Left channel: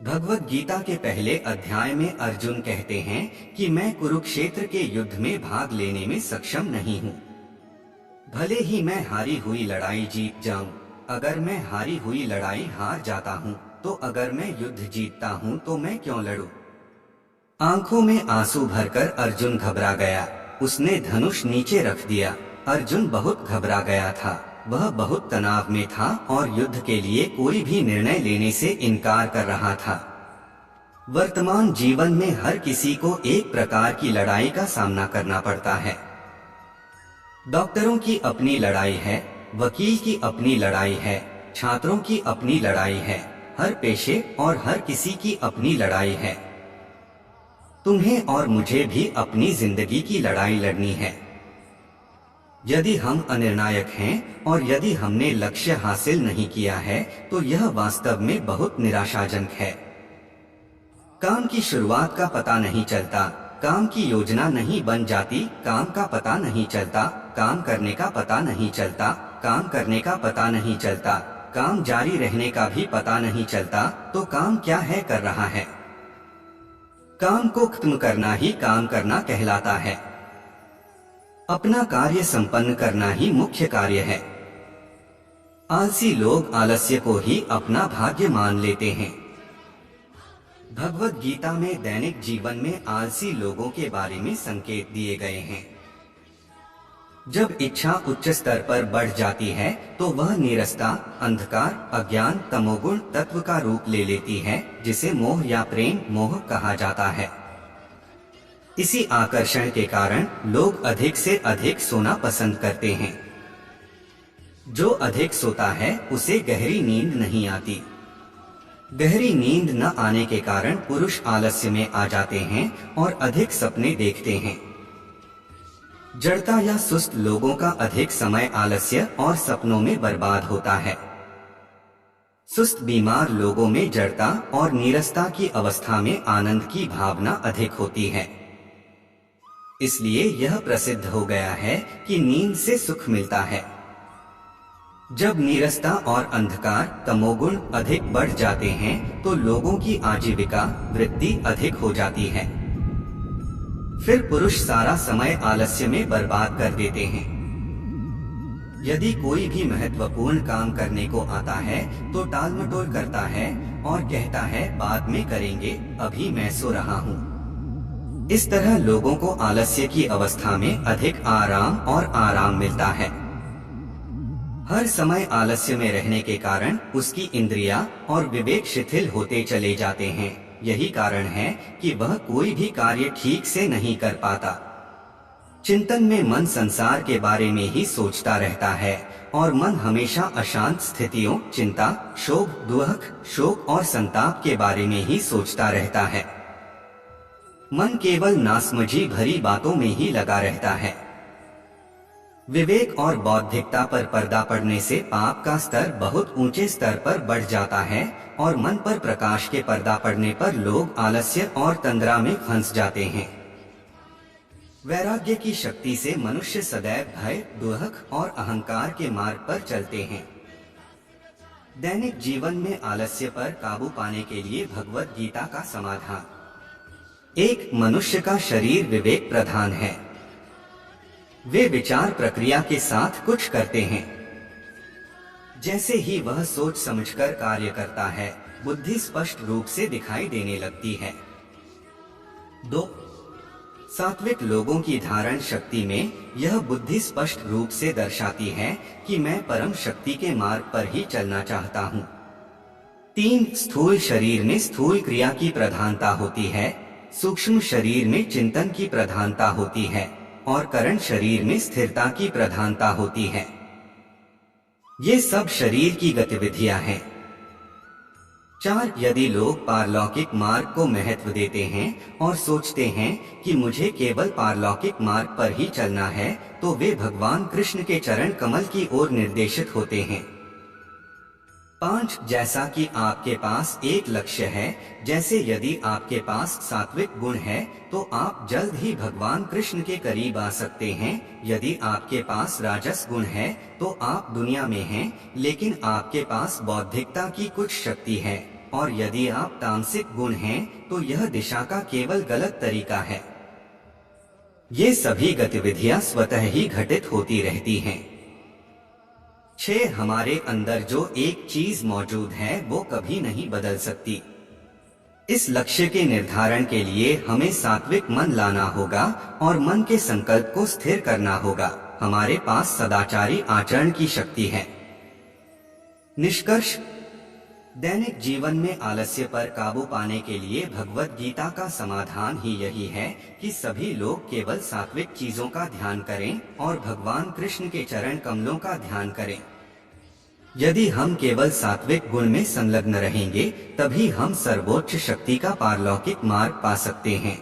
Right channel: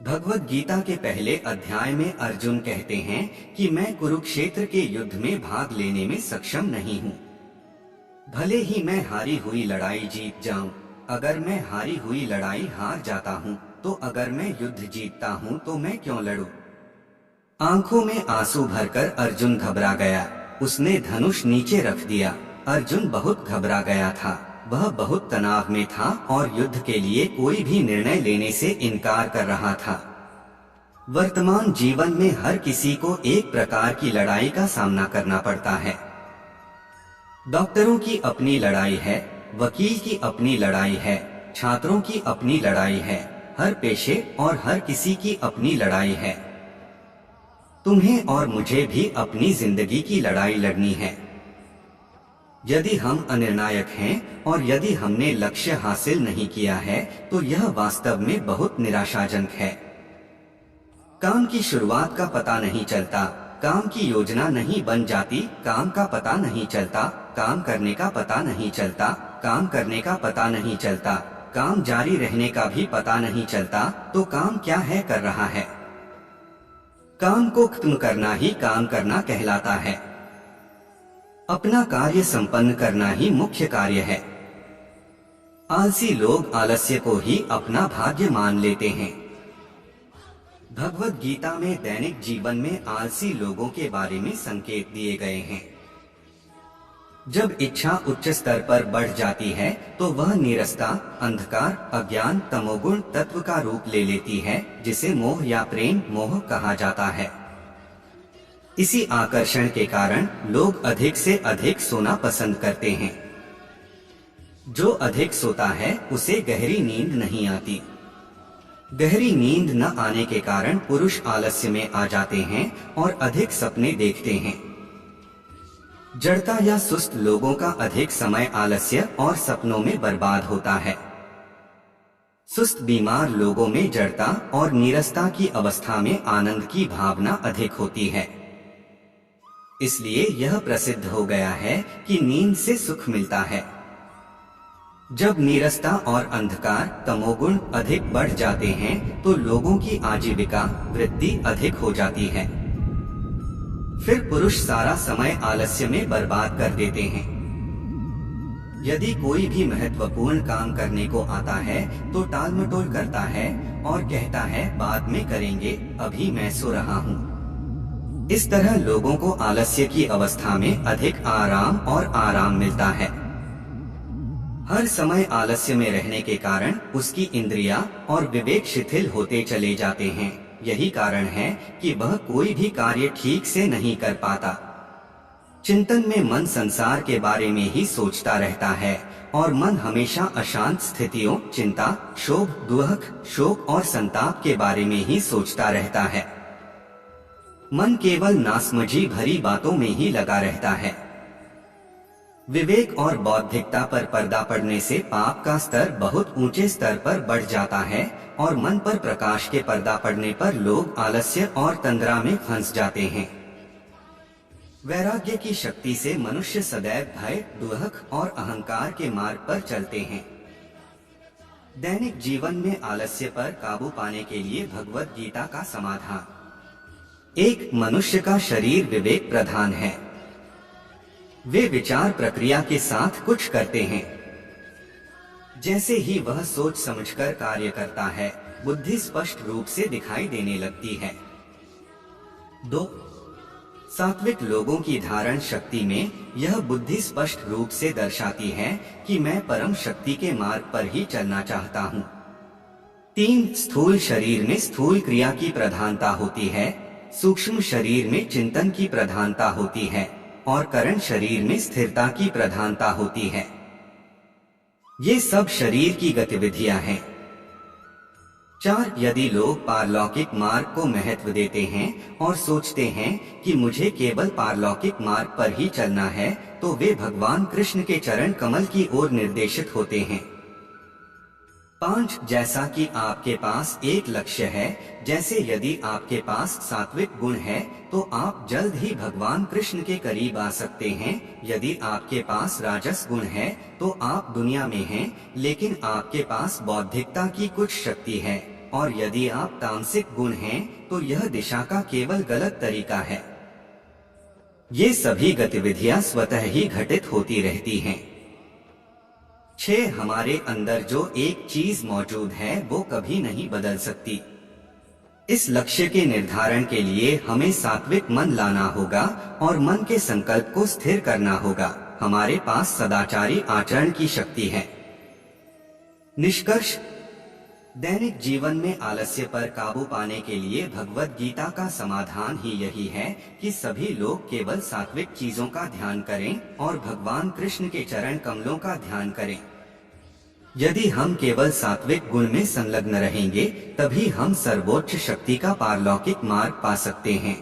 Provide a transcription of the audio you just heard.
भगवत गीता के पहले अध्याय में अर्जुन कहते हैं कि मैं कुरुक्षेत्र के युद्ध में भाग लेने में सक्षम नहीं हूँ। भले ही मैं हारी हुई लड़ाई जीत जाऊं, अगर मैं हारी हुई लड़ाई हार जाता हूँ तो अगर मैं युद्ध जीतता हूँ तो मैं क्यों लड़ूं? आंखों में आंसू भरकर अर्जुन घबरा गया। उसने धनुष नीचे रख दिया। अर्जुन बहुत घबरा गया था। वह बहुत तनाव में था और युद्ध के लिए कोई भी निर्णय लेने से इनकार कर रहा था। वर्तमान जीवन में हर किसी को एक प्रकार की लड़ाई का सामना करना पड़ता है। डॉक्टरों की अपनी लड़ाई है, वकील की अपनी लड़ाई है, छात्रों की अपनी लड़ाई है, हर पेशे और हर किसी की अपनी लड़ाई है। तुम्हें और मुझे भी अपनी जिंदगी की लड़ाई लड़नी है। यदि हम अनिर्णायक हैं और यदि हमने लक्ष्य हासिल नहीं किया है तो यह वास्तव में बहुत निराशाजनक है। काम की शुरुआत का पता नहीं चलता, काम की योजना नहीं बन जाती, काम का पता नहीं चलता, काम करने का पता नहीं चलता, काम करने का पता नहीं चलता, काम जारी रहने का भी पता नहीं चलता, तो काम क्या है कर रहा है? काम को खत्म करना ही काम करना कहलाता है। अपना कार्य संपन्न करना ही मुख्य कार्य है। आलसी लोग आलस्य को ही अपना भाग्य मान लेते हैं। भगवत गीता में दैनिक जीवन में आलसी लोगों के बारे में संकेत दिए गए हैं। जब इच्छा उच्च स्तर पर बढ़ जाती है तो वह नीरसता, अंधकार, अज्ञान, तमोगुण तत्व का रूप ले लेती है, जिसे मोह या प्रेम मोह कहा जाता है। इसी आकर्षण के कारण लोग अधिक से अधिक सोना पसंद करते हैं। जो अधिक सोता है उसे गहरी नींद नहीं आती। गहरी नींद न आने के कारण पुरुष आलस्य में आ जाते हैं और अधिक सपने देखते हैं। जड़ता या सुस्त लोगों का अधिक समय आलस्य और सपनों में बर्बाद होता है। सुस्त बीमार लोगों में जड़ता और नीरसता की अवस्था में आनंद की भावना अधिक होती है। इसलिए यह प्रसिद्ध हो गया है कि नींद से सुख मिलता है। जब नीरसता और अंधकार, तमोगुण अधिक बढ़ जाते हैं तो लोगों की आजीविका वृद्धि अधिक हो जाती है। फिर पुरुष सारा समय आलस्य में बर्बाद कर देते हैं। यदि कोई भी महत्वपूर्ण काम करने को आता है तो टालमटोल करता है और कहता है बाद में करेंगे, अभी मैं सो रहा हूँ। इस तरह लोगों को आलस्य की अवस्था में अधिक आराम और आराम मिलता है। हर समय आलस्य में रहने के कारण उसकी इंद्रियां और विवेक शिथिल होते चले जाते हैं। यही कारण है कि वह कोई भी कार्य ठीक से नहीं कर पाता। चिंतन में मन संसार के बारे में ही सोचता रहता है और मन हमेशा अशांत स्थितियों, चिंता, शोक, दुख, शोक और संताप के बारे में ही सोचता रहता है। मन केवल नासमझी भरी बातों में ही लगा रहता है। विवेक और बौद्धिकता पर पर्दा पड़ने से पाप का स्तर बहुत ऊंचे स्तर पर बढ़ जाता है और मन पर प्रकाश के पर्दा पड़ने पर लोग आलस्य और तंद्रा में फंस जाते हैं। वैराग्य की शक्ति से मनुष्य सदैव भय, दुख और अहंकार के मार्ग पर चलते हैं। दैनिक जीवन में आलस्य पर काबू पाने के लिए भगवत गीता का समाधान: एक, मनुष्य का शरीर विवेक प्रधान है। वे विचार प्रक्रिया के साथ कुछ करते हैं। जैसे ही वह सोच समझकर कार्य करता है, बुद्धि स्पष्ट रूप से दिखाई देने लगती है। 2, सात्विक लोगों की धारण शक्ति में यह बुद्धि स्पष्ट रूप से दर्शाती है कि मैं परम शक्ति के मार्ग पर ही चलना चाहता हूँ। 3, स्थूल शरीर में स्थूल क्रिया की प्रधानता होती है, सूक्ष्म शरीर में चिंतन की प्रधानता होती है और कारण शरीर में स्थिरता की प्रधानता होती है। ये सब शरीर की गतिविधियां हैं। 4, यदि लोग पारलौकिक मार्ग को महत्व देते हैं और सोचते हैं कि मुझे केवल पारलौकिक मार्ग पर ही चलना है, तो वे भगवान कृष्ण के चरण कमल की ओर निर्देशित होते हैं। 5, जैसा कि आपके पास एक लक्ष्य है, जैसे यदि आपके पास सात्विक गुण है तो आप जल्द ही भगवान कृष्ण के करीब आ सकते हैं। यदि आपके पास राजस गुण है तो आप दुनिया में हैं, लेकिन आपके पास बौद्धिकता की कुछ शक्ति है, और यदि आप तामसिक गुण हैं तो यह दिशा का केवल गलत तरीका है। ये सभी गतिविधियां स्वतः ही घटित होती रहती हैं। 6 हमारे अंदर जो एक चीज मौजूद है वो कभी नहीं बदल सकती। इस लक्ष्य के निर्धारण के लिए हमें सात्विक मन लाना होगा और मन के संकल्प को स्थिर करना होगा। हमारे पास सदाचारी आचरण की शक्ति है। निष्कर्ष, दैनिक जीवन में आलस्य पर काबू पाने के लिए भगवद गीता का समाधान ही यही है कि सभी लोग केवल सात्विक चीजों का ध्यान करें और भगवान कृष्ण के चरण कमलों का ध्यान करें। यदि हम केवल सात्विक गुण में संलग्न रहेंगे तभी हम सर्वोच्च शक्ति का पारलौकिक मार्ग पा सकते हैं।